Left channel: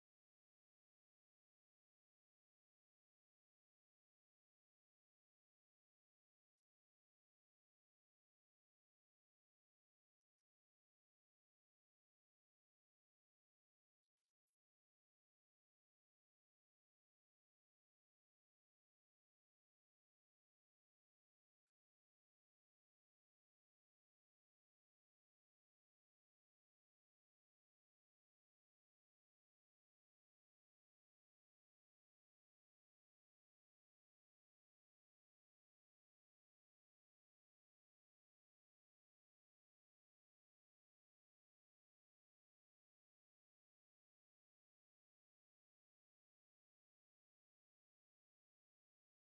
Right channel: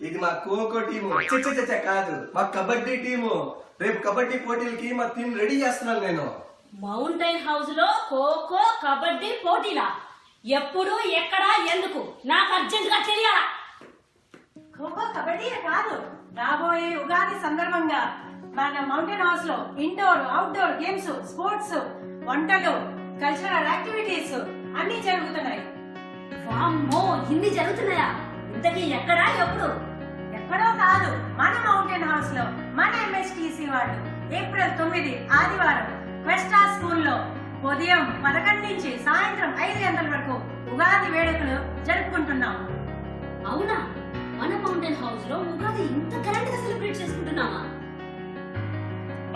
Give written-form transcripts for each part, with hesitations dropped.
ఇది మా ఖోఖో టీము. కాదు, మా కబడ్డీ టీము. రేపు కబడ్డీ పోటీలకి మా టీం రెడీ చేస్తున్నాను నేను. మౌంటైన్ హౌస్ లో ఖోఖో కబడ్డీ పోటీలా? ఎప్పుడు ఎక్కడ ఎందుకు నాకు అర్జెంట్ గా తెలియాలా? ఖోఖో కబడ్డీ కాదు, రాబోయే ఉగాది సందర్భంగా మన మౌంటైన్ హౌస్ లో ఇండోర్ అవుట్డోర్ గేమ్స్, స్పోర్ట్స్, వంటలు, కల్చరల్ యాక్టివిటీస్ అన్ని జరుగుతున్నాయి. వామ్మో, ఇన్ని జరుగుతున్నాయా? ఇంతకీ ఎక్కడా ఎప్పుడు? ఎక్కడో కాదు, మన మౌంటైన్ హౌస్ లో మన MSTC వాళ్ళు ఏప్రిల్ 9 ఆదివారం క్వెస్టా స్కూల్లో ఉదయం 11 నుంచి సాయంత్రం 5 గంటల వరకు ఉగాది వేడుకలు జరుపుకుంటున్నాం. అవునా? మన మౌంటైన్ హౌస్ లో ఉగాది ఇంత గ్రాండ్ గా సెలబ్రేట్ చేసుకుంటున్నామా?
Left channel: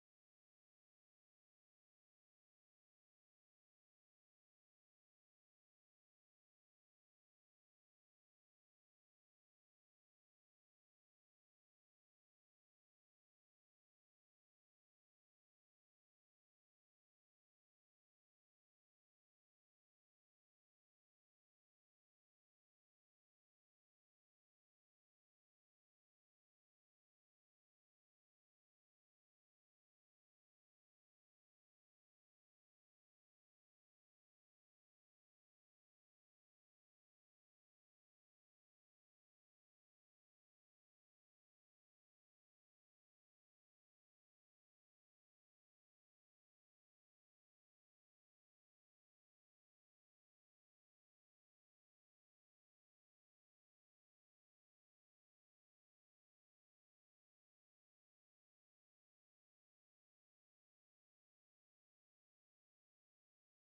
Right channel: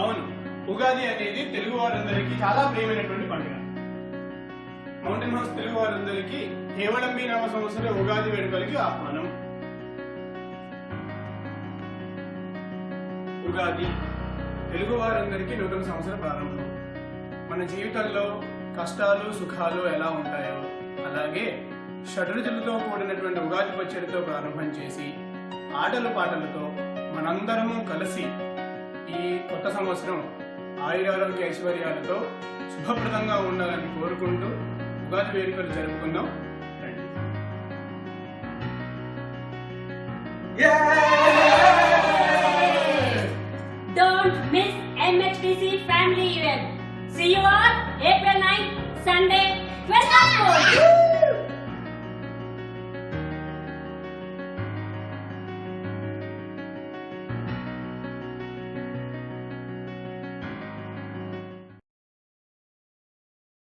అవును, ఉగాది అనేది తెలుగు వారందరికీ చాలా ప్రియమైనటువంటి పండుగ. మౌంటైన్ హౌస్ తెలుగు వారందరికీ కేవలంబి నామ సంవత్సర ఉగాది వేడుకలకి ఆహ్వానం. ఉగాది తెలుగు వారందరికీ నూతన సంవత్సర ప్రారంభం. మన జీవితంలో కష్టాలు సుఖాలు ఎలా ఉంటాయో అలాగే షడ్రుచులతో కూడినటువంటి ఉగాది పచ్చడితో ప్రారంభం చేసి ఆటలు పాటలతో మనందరము కలిసి ఈ కొత్త సంవత్సరం ఆయురారోగ్య ఐశ్వర్యాలతో శుభప్రదంగా ఉండాలని కోరుకుంటూ ఉగాది వేడుకలు జరుపుకుందాం. రండి. Don't miss MHTC family event. See you all